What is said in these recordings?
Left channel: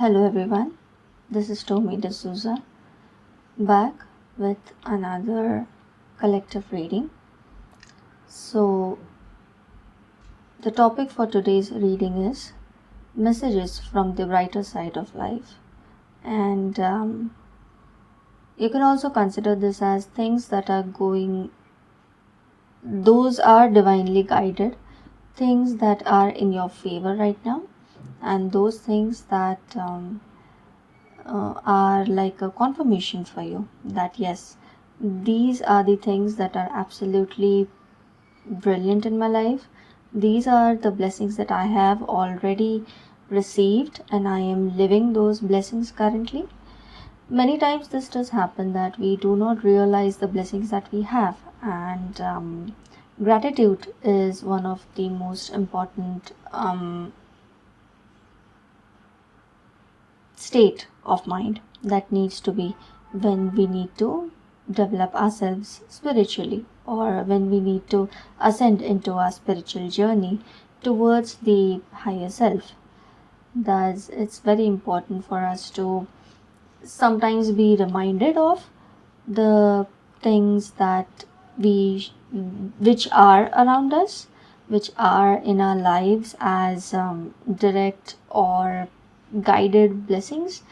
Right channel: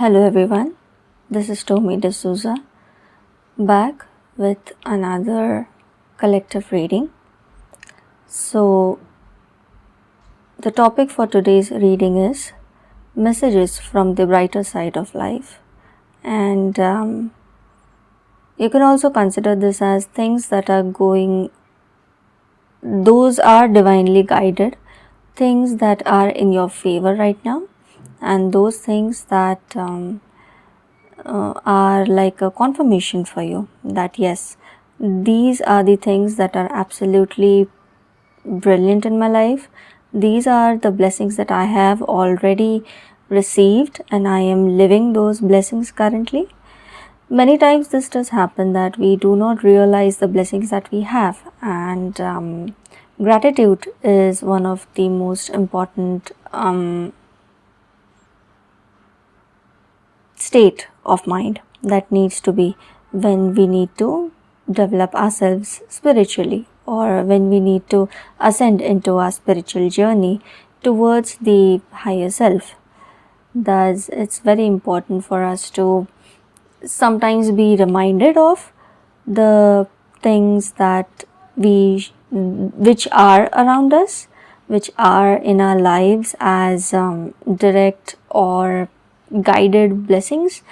Hello everyone, this is Tommy D'Souza back with another collective reading. So, the topic for today's reading is Messages from the Brighter Side of Life. And you can also consider this as things that are those are divinely guided, things that are in your favor right now, and those things that are like a confirmation for you that yes, these are the things that are absolutely brilliant in my life. These are the blessings that I have already received, and I am living those blessings currently. Many times this does happen that we do not realize the blessings that we have, and gratitude is one of the most important state of mind that needs to be when we need to develop ourselves spiritually, or when we need to ascend into our spiritual journey towards the higher self. Thus, it's very important for us to sometimes be reminded of the things that which are around us, which are in our lives as direct or guided blessings,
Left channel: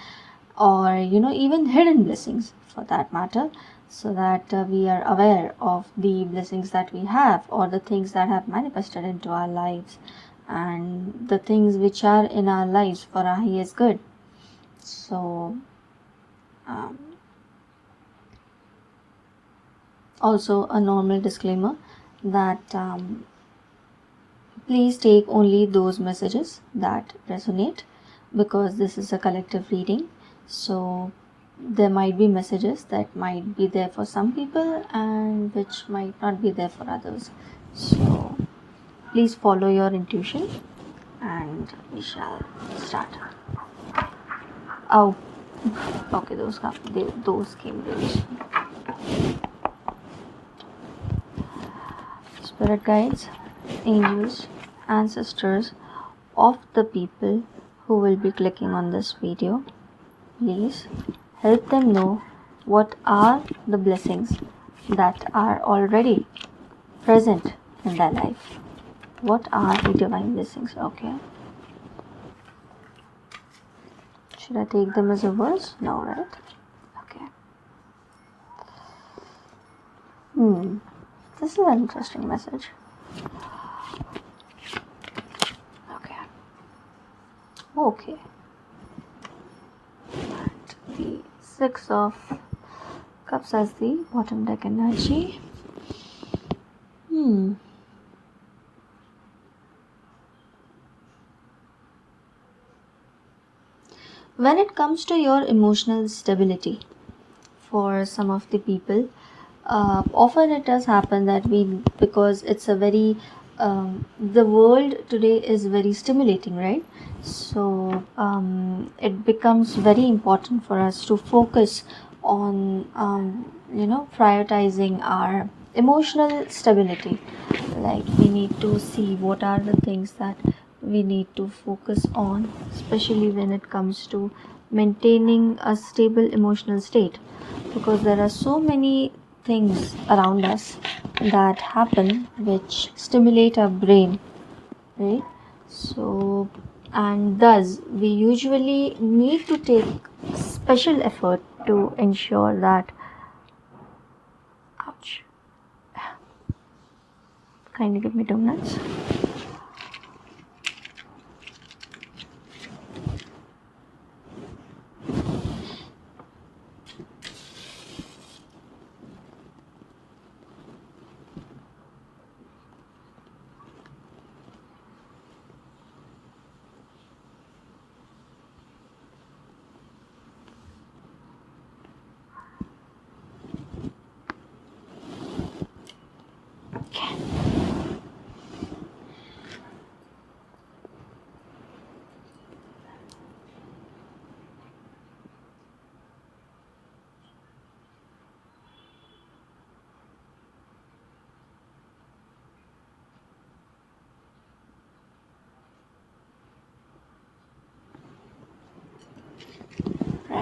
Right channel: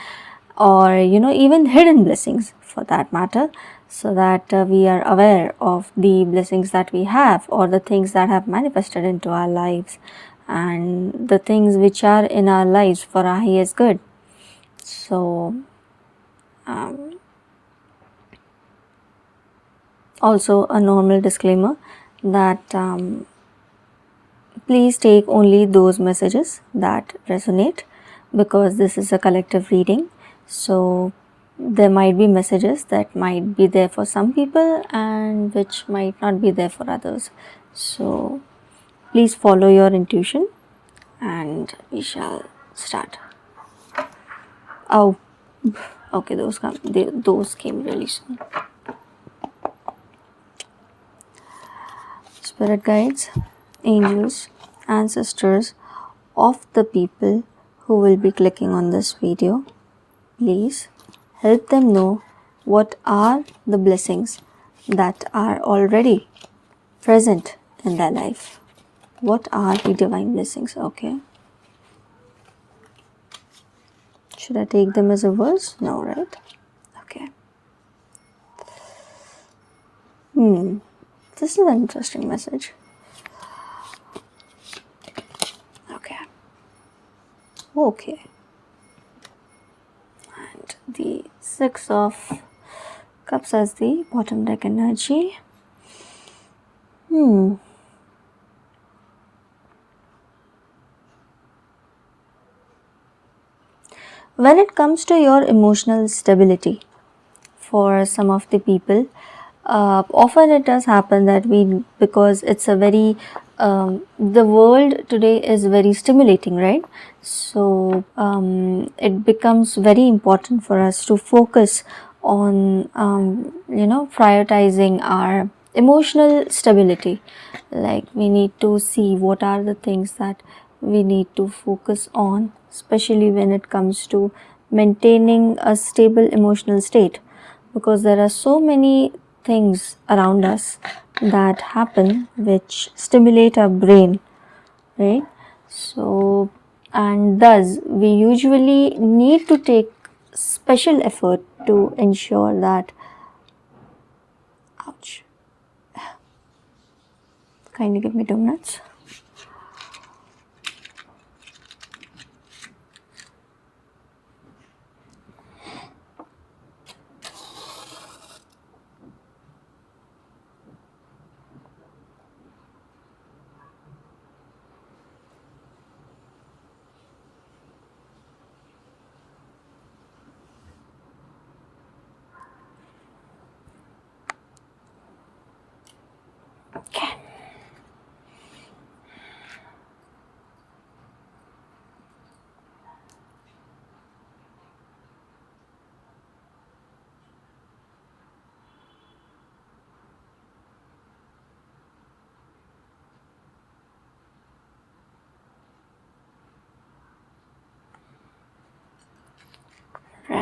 or even hidden blessings for that matter, so that we are aware of the blessings that we have, or the things that have manifested into our lives, and the things which are in our lives for our highest good. So also a normal disclaimer that please take only those messages that resonate, because this is a collective reading. So there might be messages that might be there for some people and which might not be there for others. So please follow your intuition and we shall start. Oh, okay, those came really soon. Spirit guides, angels, ancestors of the people who will be clicking on this video, please help them know what are the blessings that are already present in their life. What are the divine blessings? Okay. Should I take them as a verse? No, right? Okay. This is an interesting message. Okay. And the Six of Cups as the bottom deck energy. When it comes to your emotional stability, for some of the people, often it does happen that because it's a very the world today is very stimulating, right? So it becomes very important for us to focus on prioritizing our emotional stability. Like, we need to see what are the things that we need to focus on, especially when it comes to maintaining a stable emotional state, because there are so many things around us that happen which stimulate our brain, right? So, and thus we usually need to take special effort to ensure that, ouch, kindly give me 2 minutes. Okay.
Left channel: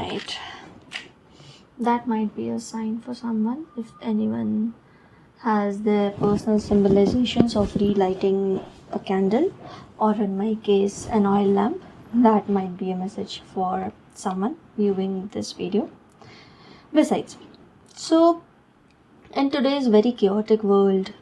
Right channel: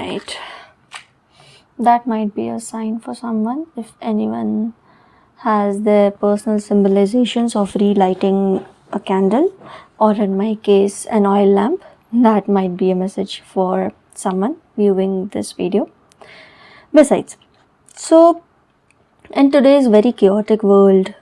right, that might be a sign for someone. If anyone has their personal symbolizations of relighting a candle, or in my case an oil lamp, that might be a message for someone viewing this video. Besides, so in today's very chaotic world,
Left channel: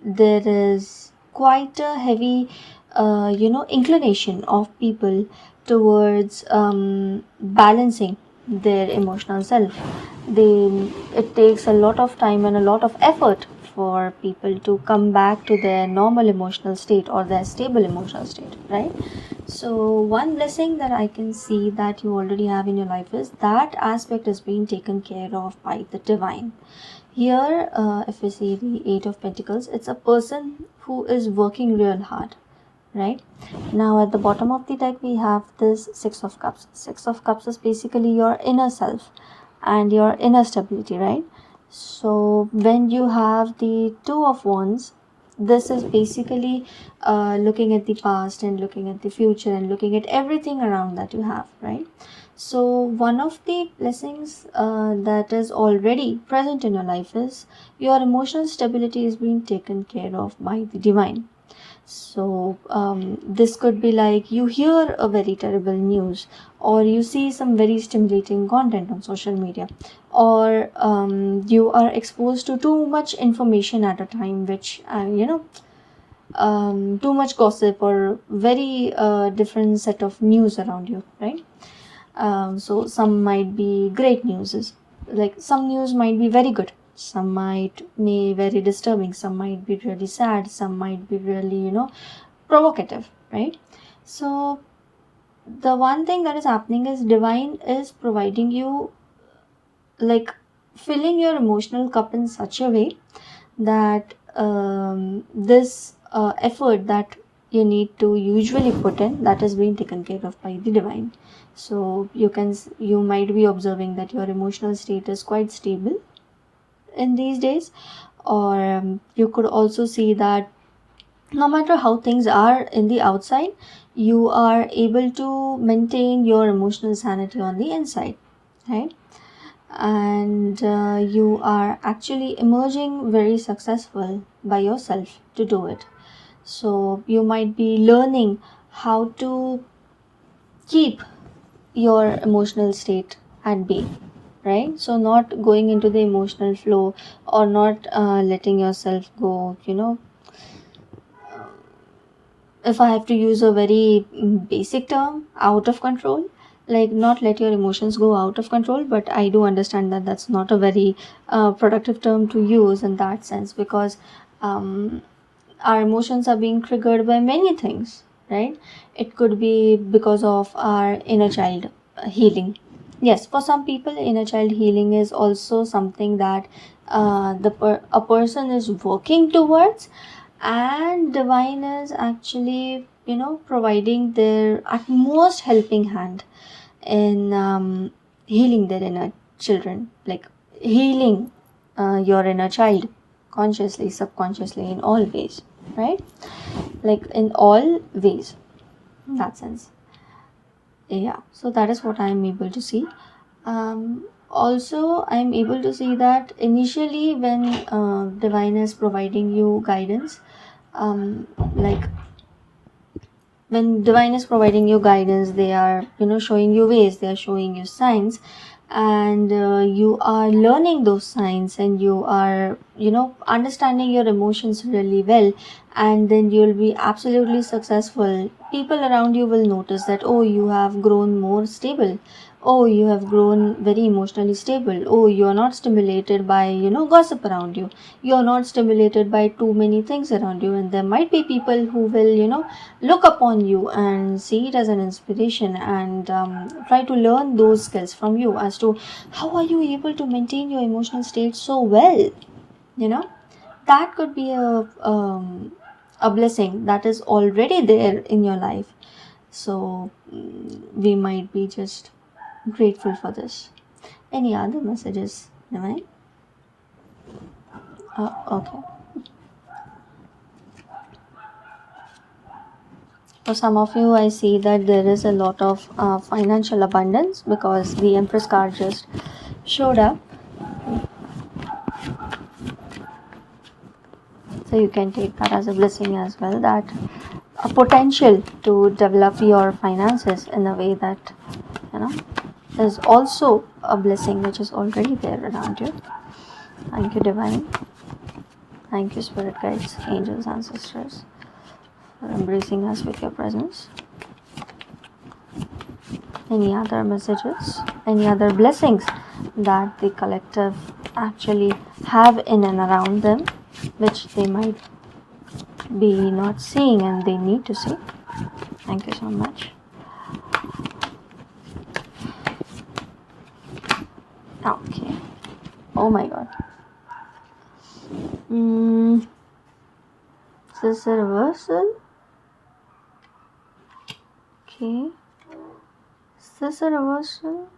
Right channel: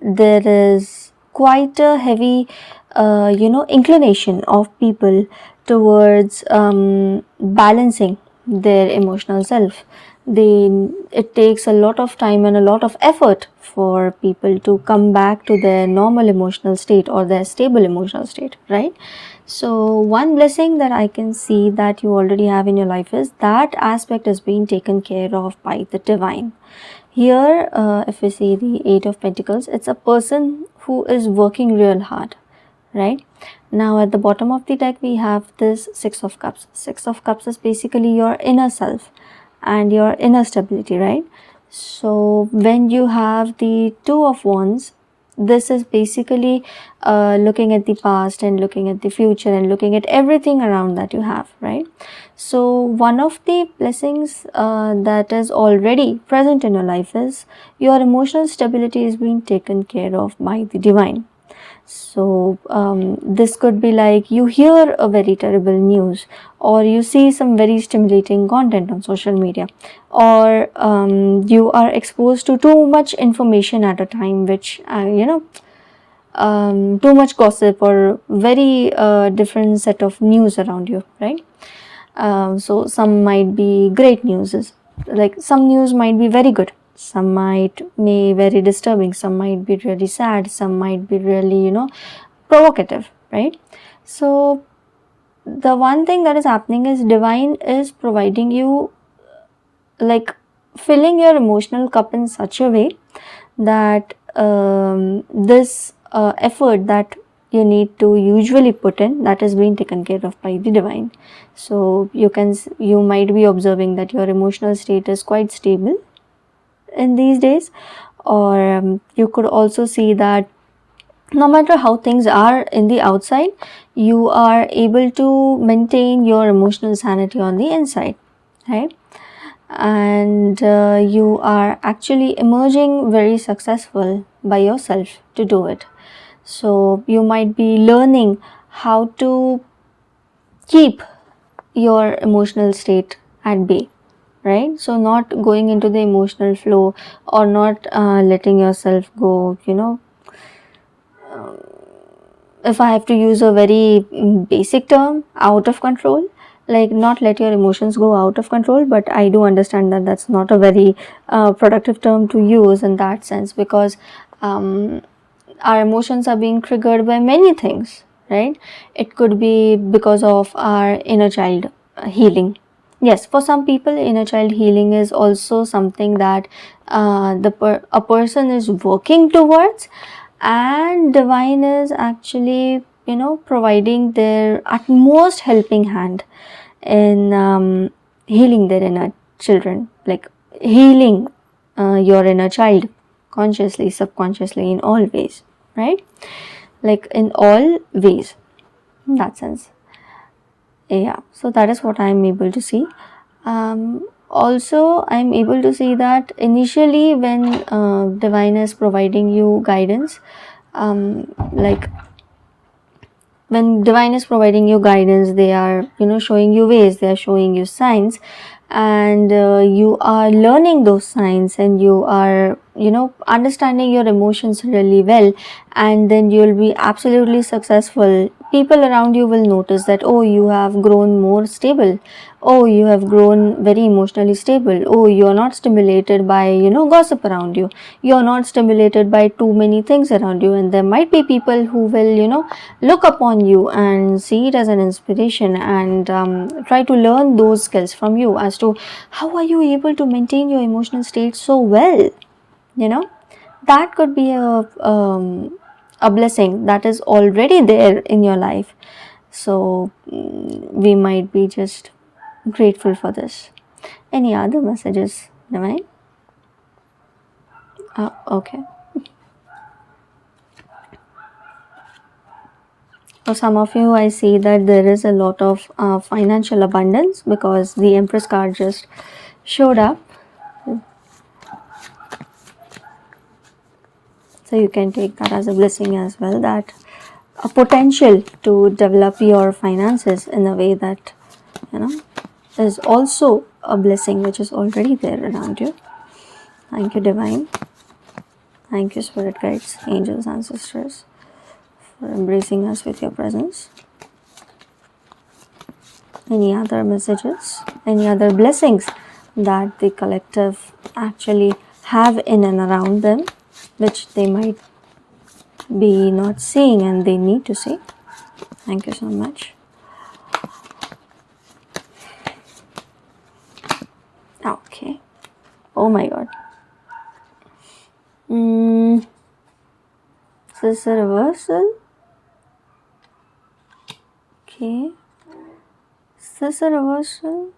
there is quite a heavy inclination of people towards balancing their emotional self. It takes a lot of time and a lot of effort for people to come back to their normal emotional state or their stable emotional state, right? So one blessing that I can see that you already have in your life is that aspect is being taken care of by the divine. Here, if we see the Eight of Pentacles, it's a person who is working real hard, right? Now at the bottom of the deck we have this Six of Cups. Six of Cups is basically your inner self and your inner stability, right? So when you have the Two of Wands, this is basically looking at the past and looking at the future and looking at everything around that you have, right? So one of the blessings that is already present in your life is your emotional stability is being taken care of by the divine. So this could be like you hear a very terrible news, or you see some very stimulating content on social media, or you are exposed to too much information at a time, which too much gossip or very different set of news around you, right? So some might be great news, like some news might be very good, some might be very disturbing, some might be really sad, some might be really provocative, right? So the one thing that is happening is divine is providing you, like, filling your emotional cup in such a way that this effort that you need to usually put in, that is being taken care of by the divine. So you might be observing that your emotional state is quite stable in these days, or you could also see that no matter how things are in the outside, you are able to maintain your emotional sanity on the inside, right? And you are actually emerging very successful by yourself to do it. So you might be learning how to keep your emotional state at bay, right? So not going into the emotional flow, or not letting yourself go, if I have to use a very basic term, out of control. Like, not let your emotions go out of control, but I do understand that that's not a very productive term to use in that sense, because our emotions are being triggered by many things, right? It could be because of our inner child healing. Yes, for some people, inner child healing is also something that a person is working towards, and divine is actually providing their utmost helping hand in healing their inner children, like healing your inner child, consciously, subconsciously, in all ways, right? Like in all ways, in that sense. Yeah, so that is what I'm able to see. Also, I'm able to see that initially when divine is providing you guidance, like when divine is providing you guidance, they are showing you ways, they are showing you signs, and you are learning those signs, and you are understanding your emotions really well, and then you will be absolutely successful. People around you will notice that, oh, you have grown more stable, oh, you have grown very emotionally stable, oh, you are not stimulated by gossip around you, you are not stimulated by too many things around you. And there might be people who will look upon you and see it as an inspiration, and try to learn those skills from you as to how are you able to maintain your emotional state so well. That could be a blessing that is already there in your life. So we might be just grateful for this. Any other messages, Navine? Okay. For some of you, I see that there is a lot of financial abundance because the Empress card just showed up. So you can take that as a blessing as well, that a potential to develop your finances in a way that, is also a blessing which is already there around you. Thank you, Divine. Thank you, Spirit Guides, Angels, Ancestors, for embracing us with your presence. Any other messages, any other blessings that the collective actually have in and around them, which they might be not seeing and they need to see? Thank you so much. Okay. Oh my god. Is this a reversal? Okay. Is this a reversal?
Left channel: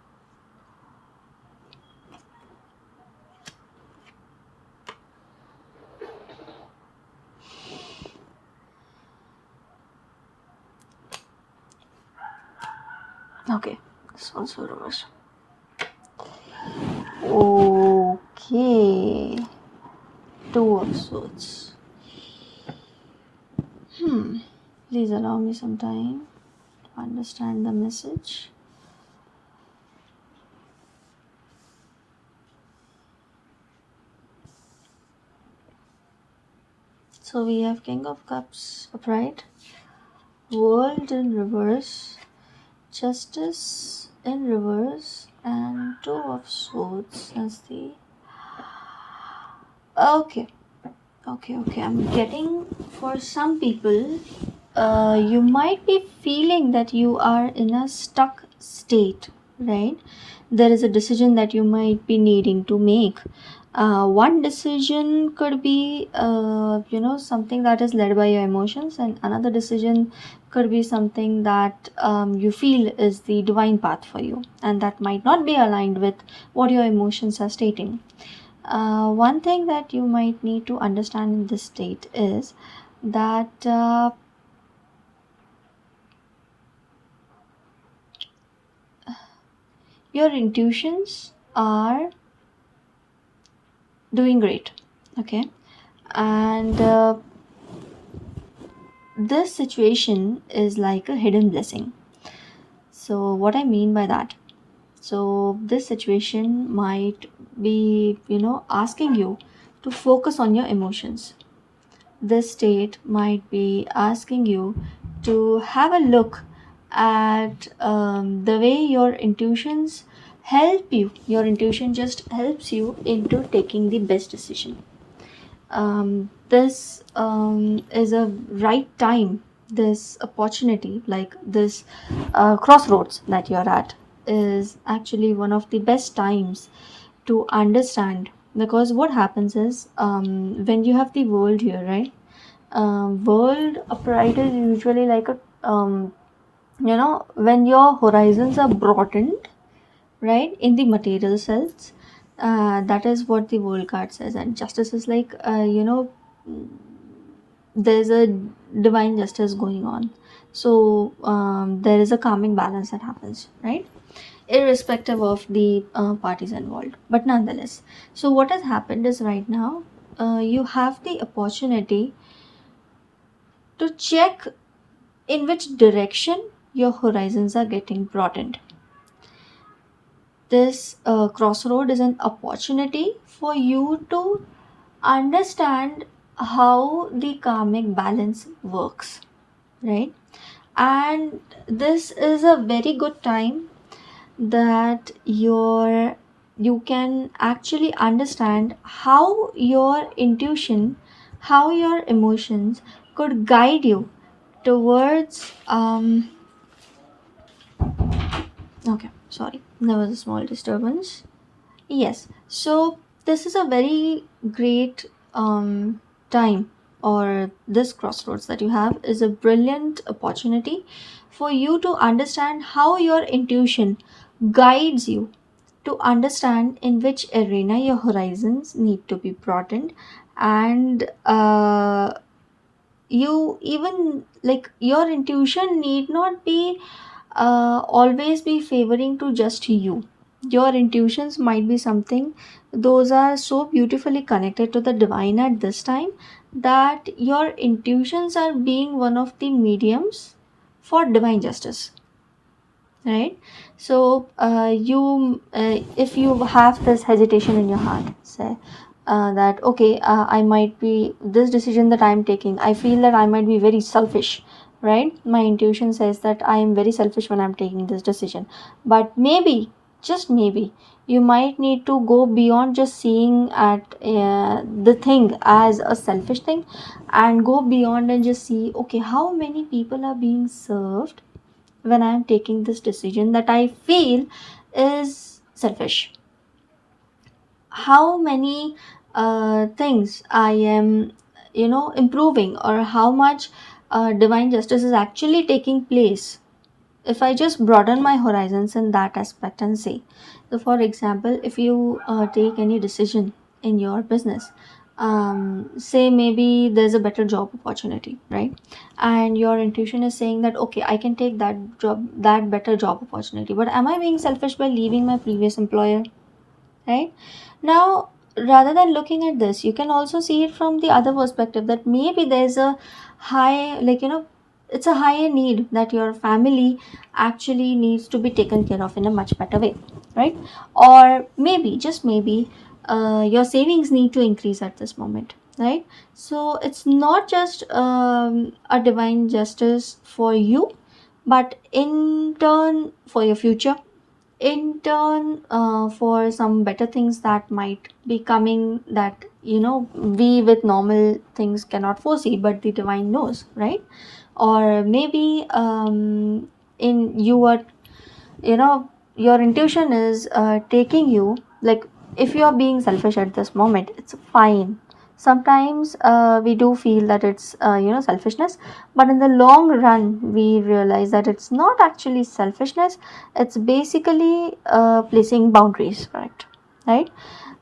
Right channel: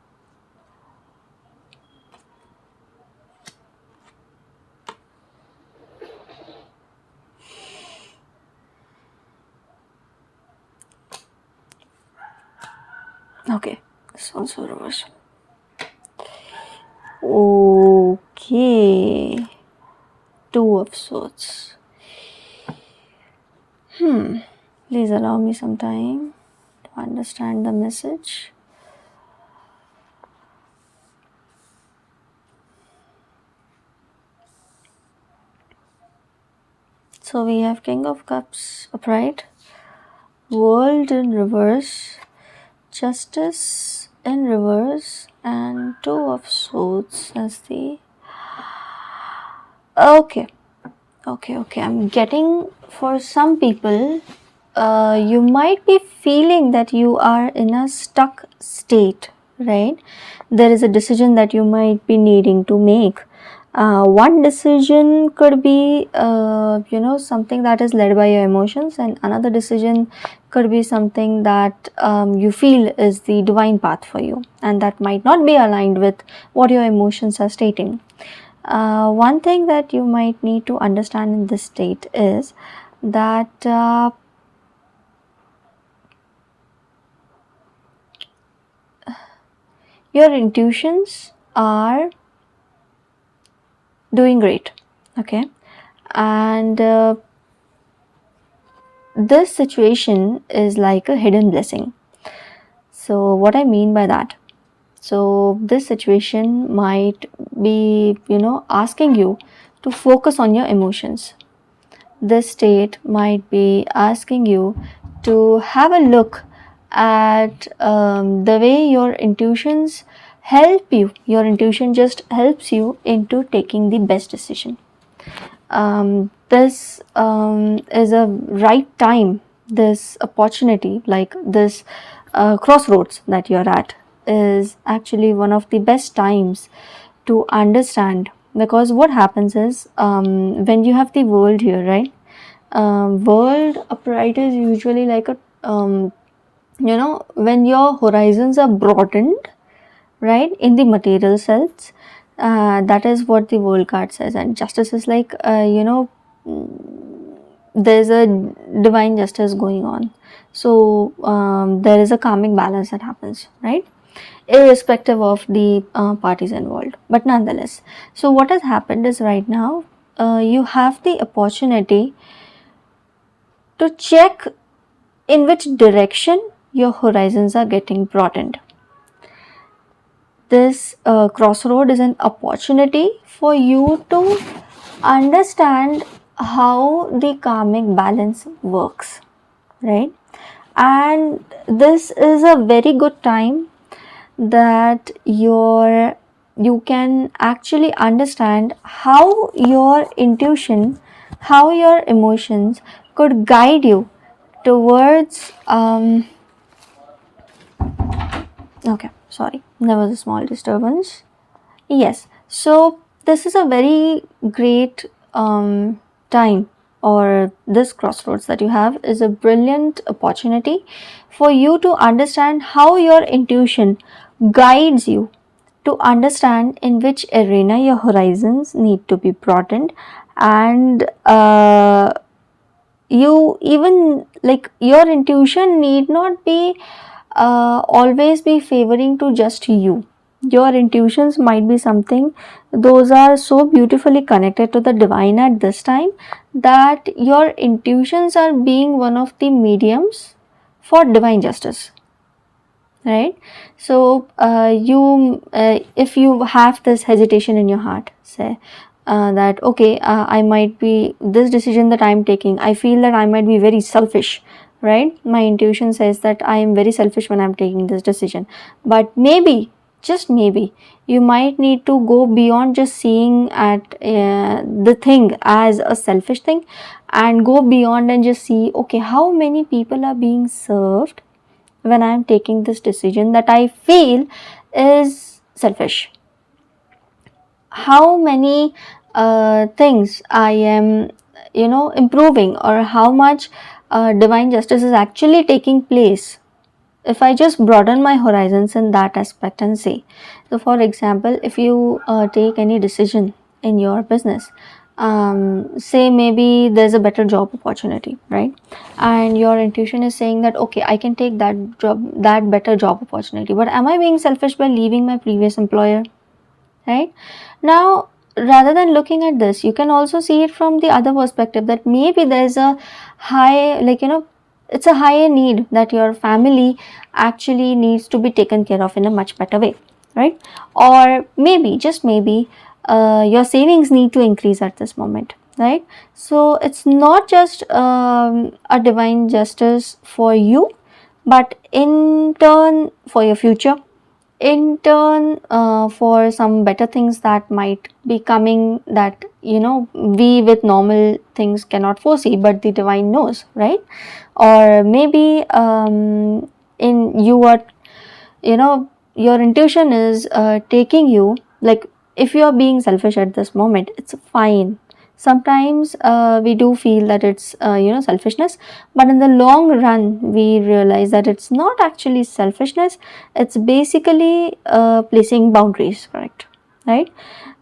Okay, this one's a reversal. Okay. Two of Swords. Please allow me some time to understand the message. So we have King of Cups upright, World in reverse, Justice in reverse, and Two of Swords as the... Okay. I'm getting, for some people, you might be feeling that you are in a stuck state, right? There is a decision that you might be needing to make. One decision could be, something that is led by your emotions, and another decision could be something that you feel is the divine path for you, and that might not be aligned with what your emotions are stating. One thing that you might need to understand in this state is that your intuitions are doing great, okay? And this situation is like a hidden blessing. So what I mean by that? So this situation might be, asking you to focus on your emotions. This state might be asking you to have a look at the way your intuitions help you. Your intuition just helps you into taking the best decision. This is a right time, this opportunity, like this crossroads that you're at, is actually one of the best times to understand. Because what happens is, when you have the world here, right? World upright is usually like a, when your horizons are broadened, right, in the material sense, that is what the world card says. And justice is like, there's a divine justice going on. So there is a karmic balance that happens, right, irrespective of the parties involved, but nonetheless. So what has happened is, right now you have the opportunity to check in which direction your horizons are getting broadened. This crossroad is an opportunity for you to understand how the karmic balance works, right? And this is a very good time that you can actually understand how your intuition, how your emotions could guide you towards okay, sorry, there was a small disturbance. Yes, so this is a very great time, or this crossroads that you have is a brilliant opportunity for you to understand how your intuition guides you to understand in which arena your horizons need to be broadened, and you even like your intuition need not be always be favoring to just you. Your intuitions might be something, those are so beautifully connected to the divine at this time, that your intuitions are being one of the mediums for divine justice, right? So you if you have this hesitation in your heart, say that okay, I might be, this decision that I'm taking, I feel that I might be very selfish, right? My intuition says that I am very selfish when I'm taking this decision. But maybe, just maybe, you might need to go beyond just seeing at the thing as a selfish thing, and go beyond and just see, okay, how many people are being served when I am taking this decision that I feel is selfish. How many things I am, improving, or how much divine justice is actually taking place if I just broaden my horizons in that aspect and say. So, for example, if you take any decision in your business, say maybe there's a better job opportunity, right? And your intuition is saying that okay, I can take that job, that better job opportunity. But am I being selfish by leaving my previous employer? Right now, rather than looking at this, you can also see it from the other perspective, that maybe there's a high, it's a higher need that your family actually needs to be taken care of in a much better way, right? Or maybe, just maybe, your savings need to increase at this moment, right? So it's not just a divine justice for you, but in turn for your future, in turn for some better things that might be coming, that we with normal things cannot foresee, but the divine knows, right? Or maybe in you are, your intuition is taking you, like, if you are being selfish at this moment, it's fine. Sometimes we do feel that it's selfishness, but in the long run we realize that it's not actually selfishness, it's basically placing boundaries, correct? Right?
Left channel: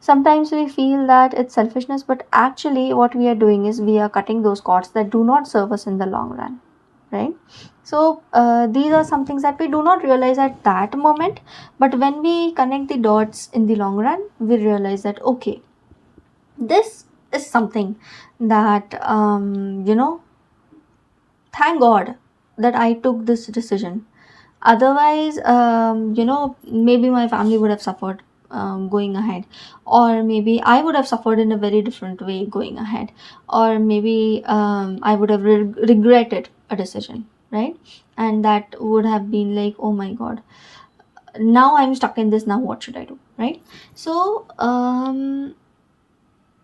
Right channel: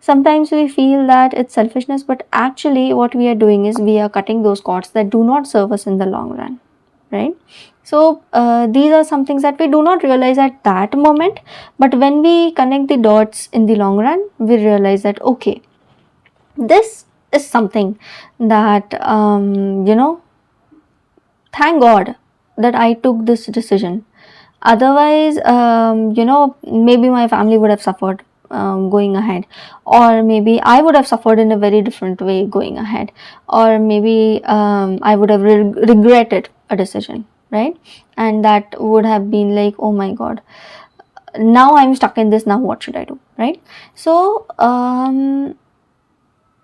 Sometimes we feel that it's selfishness, but actually what we are doing is we are cutting those cords that do not serve us in the long run, right? So these are some things that we do not realize at that moment, but when we connect the dots in the long run, we realize that okay, this is something that thank God that I took this decision. Otherwise, maybe my family would have suffered going ahead, or maybe I would have suffered in a very different way going ahead, or maybe I would have regretted a decision, right? And that would have been like, oh my God, now I'm stuck in this. Now what should I do, right? So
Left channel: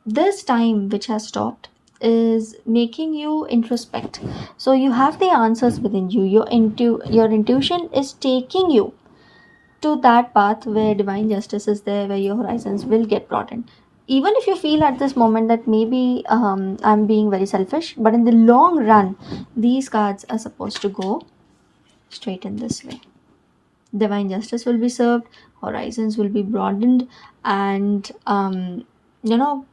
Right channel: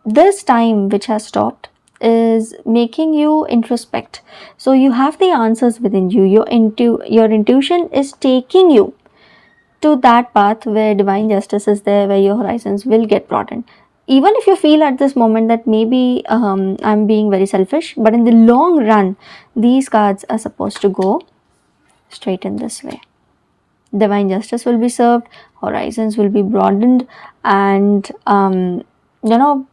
this time which has stopped is making you introspect. So you have the answers within you. Your intuition is taking you to that path where divine justice is there, where your horizons will get broadened. Even if you feel at this moment that maybe I'm being very selfish, but in the long run, these cards are supposed to go straight in this way. Divine justice will be served, horizons will be broadened, and you know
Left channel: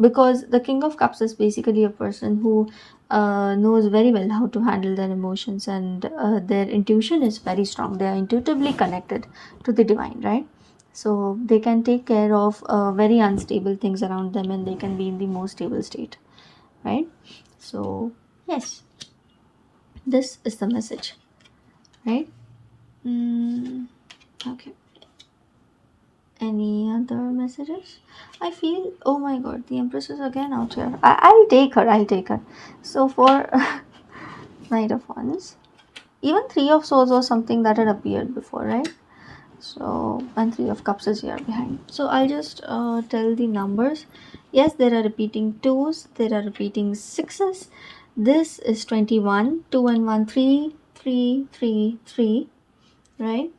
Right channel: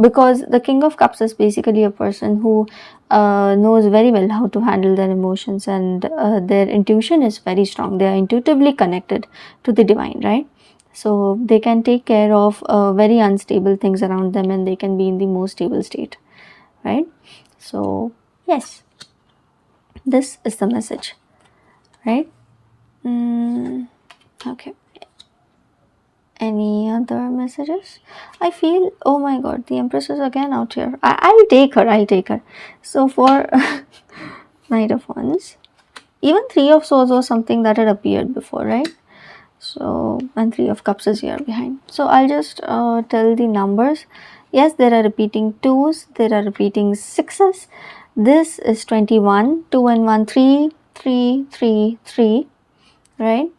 because the King of Cups is basically a person who knows very well how to handle their emotions, and their intuition is very strong. They are intuitively connected to the divine, right? So they can take care of very unstable things around them, and they can be in the most stable state, right? So, yes, this is the message, right? Okay. Any other messages? I feel, oh my god, the Empress is again out here. I'll take her, I'll take her. So for Knight of Wands, even Three of Swords was something that had appeared before, right? So, and Three of Cups is here behind. So I'll just tell the numbers. Yes, there are repeating twos, there are repeating sixes. This is 21, 2 and 1, 3, 3, 3, 3, right?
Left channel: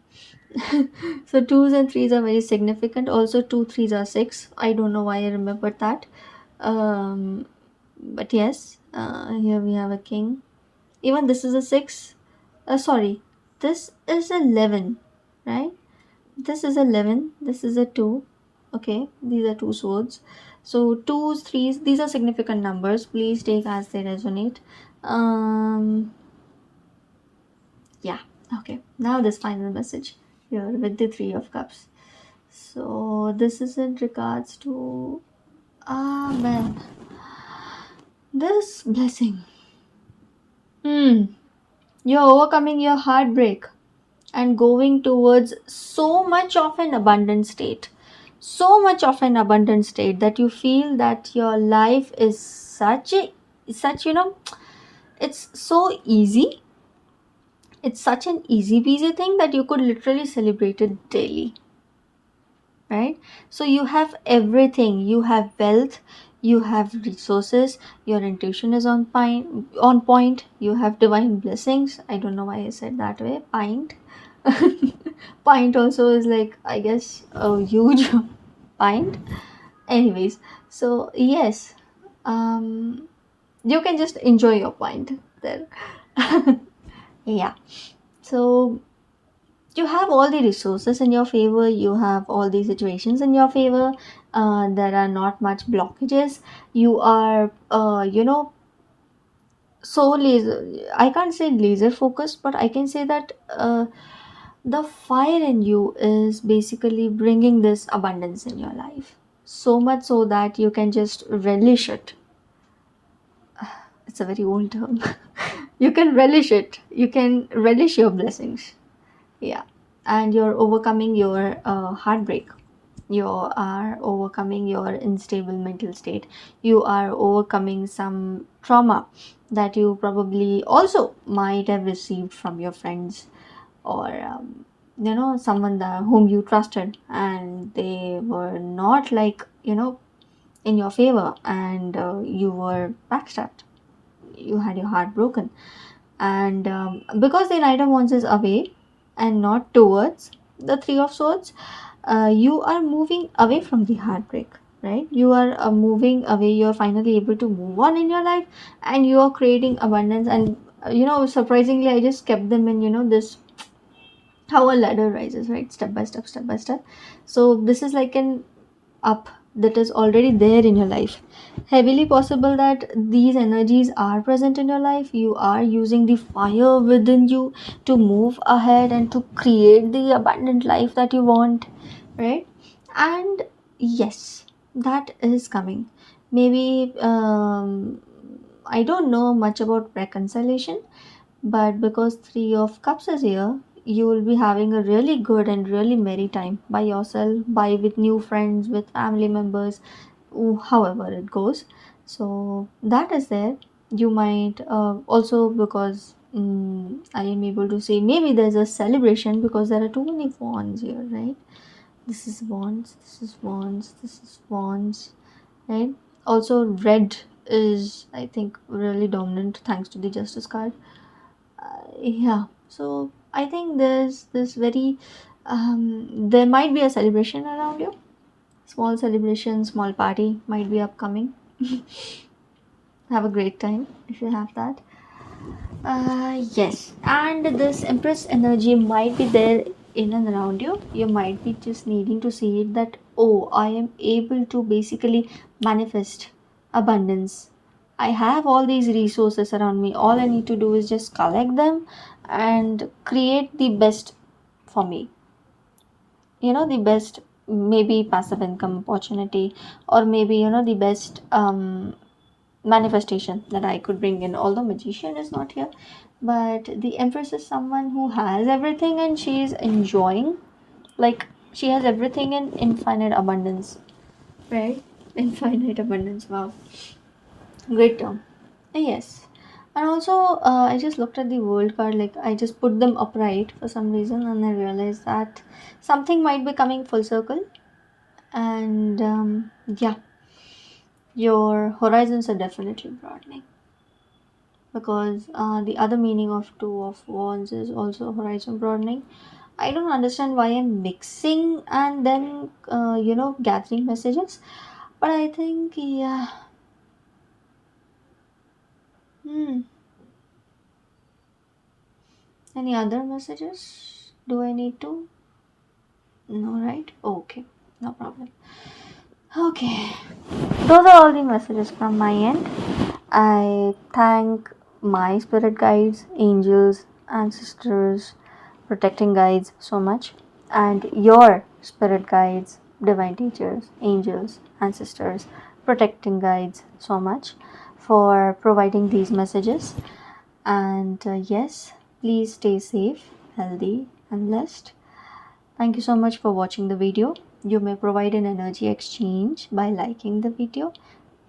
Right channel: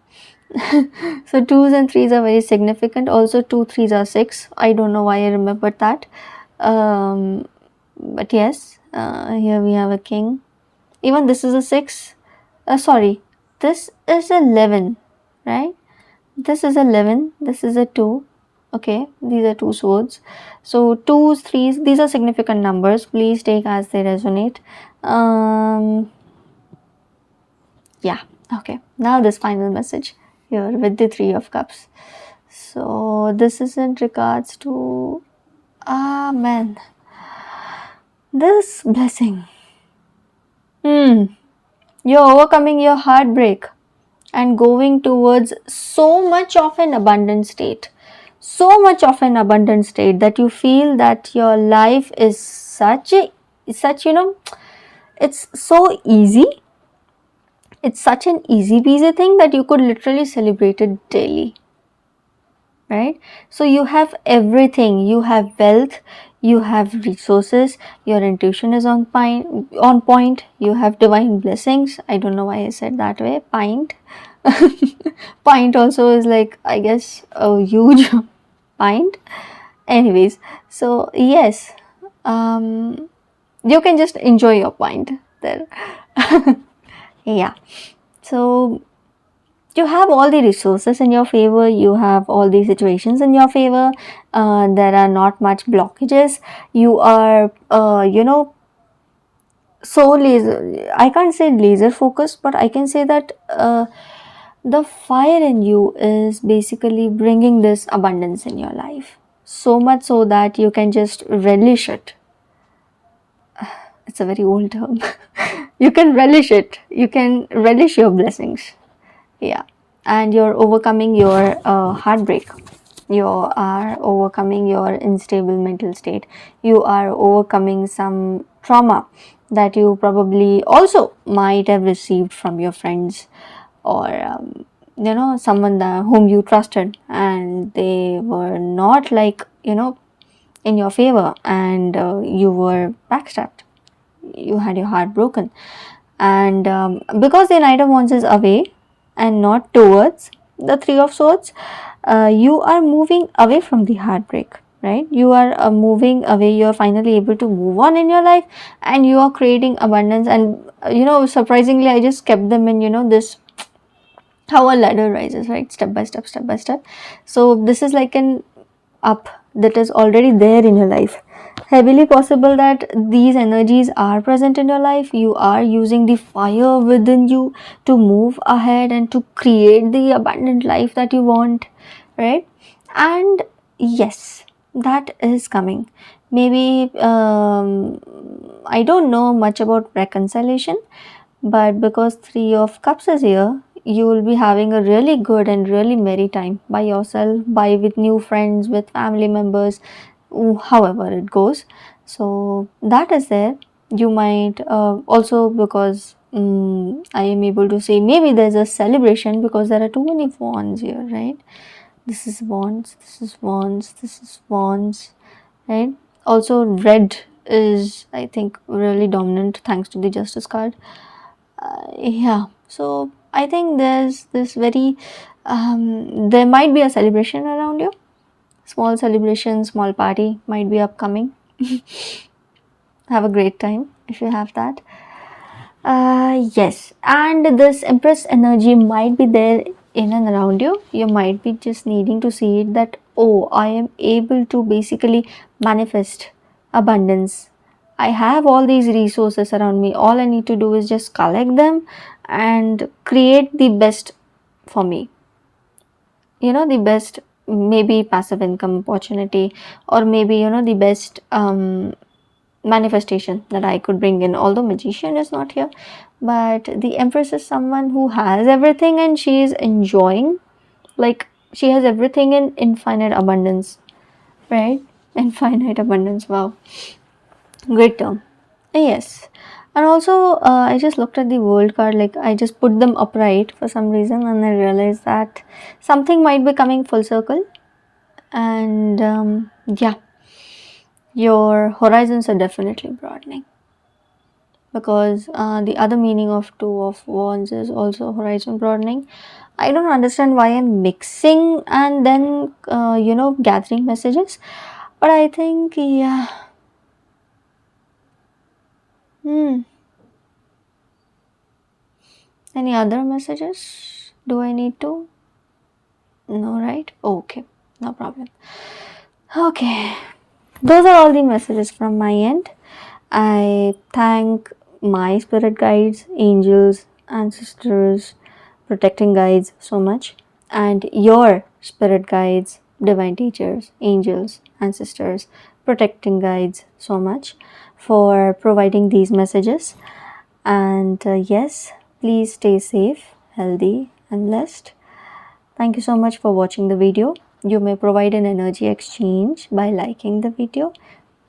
So twos and threes are very significant. Also, two threes are six. I don't know why I remembered that. But yes, here we have a king. Even this is a six. Sorry, this is 11, right? This is 11. This is a two. Okay, these are two swords. So twos, threes, these are significant numbers. Please take as they resonate. Um, yeah, okay. Now this final message here with the Three of Cups. So this is in regards to Amen. This blessing. Hmm. You're overcoming your heartbreak and going towards so much of an abundant state. So much of an abundant state that you feel that your life is such, it's so easy. It's such an easy peasy thing that you could literally celebrate it daily, right? So you have everything. You have wealth, you have resources, your intuition is on point, you have divine blessings. I don't know why I said that way, pint. Pint also is like, I guess, a huge pint. Anyways, so yes, um you can just enjoy your pint there. Yeah, so you have all the resources in your favor, you have all the situations in your favor, there are not much blockages, you are so laser, I can't say laser focused, but I can say that the fire in you is basically bringing this abundance in your life, so much so that you can just relish it. It's a very old term. You can relish it, you can relish your blessings. Yeah, and you're overcoming your heartbreak, you are overcoming your unstable mental state, you are overcoming some trauma that you probably also might have received from your friends, or someone whom you trusted and they were not like in your favor, and you were backstabbed, you had your heart broken. And because the Knight of Wands is away and not towards the Three of Swords, you are moving away from the heartbreak, right? You are moving away, you are finally able to move on in your life, and you are creating abundance. And surprisingly, I just kept them in this, how a ladder rises, right? Step by step, step by step. So this is like an up that is already there in your life. Heavily possible that these energies are present in your life. You are using the fire within you to move ahead and to create the abundant life that you want, right? And yes, that is coming. Maybe I don't know much about reconciliation, but because Three of Cups is here, you will be having a really good and really merry time by yourself, by with new friends, with family members, however it goes. So that is there. You might also, because I am able to say maybe there's a celebration because there are too many wands here, right? This is wands, this is wands, this is wands, right? Also, red is, I think, really dominant thanks to the Justice card. Yeah, so I think there's this very there might be a celebration around you, small celebration, small party might be upcoming. Have a great time if you have that. Yes, and this Empress energy might be there in and around you. You might be just needing to see it that, oh, I am able to basically manifest abundance. I have all these resources around me. All I need to do is just collect them and create the best for me. The best, maybe passive income opportunity, or maybe the best manifestation that I could bring in. Although magician is not here, but the Empress is someone who has everything and she is enjoying, like she has everything in infinite abundance, right? Infinite abundance. Wow, great term. Yes. And also, I just looked at the world card, like I just put them upright for some reason, and I realized that something might be coming full circle. And yeah, your horizons are definitely broadening, because the other meaning of Two of Wands is also horizon broadening. I don't understand why I'm mixing and then gathering messages, but I think, yeah. Hmm. Any other messages? Do I need to? No, right? Okay. No problem. Okay, those are all the messages from my end. I thank my spirit guides, angels, ancestors, protecting guides so much, and your spirit guides, divine teachers, angels, ancestors, protecting guides so much for providing these messages. And yes, please stay safe, healthy, and blessed. Thank you so much for watching the video. You may provide an energy exchange by liking the video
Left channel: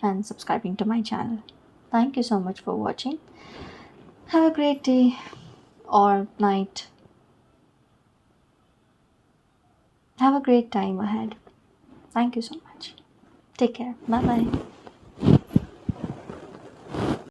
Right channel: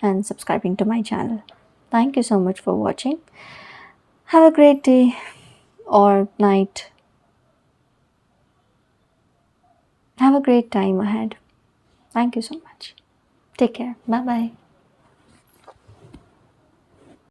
and subscribing to my channel. Thank you so much for watching. Have a great day or night. Have a great time ahead. Thank you so much. Take care. Bye bye.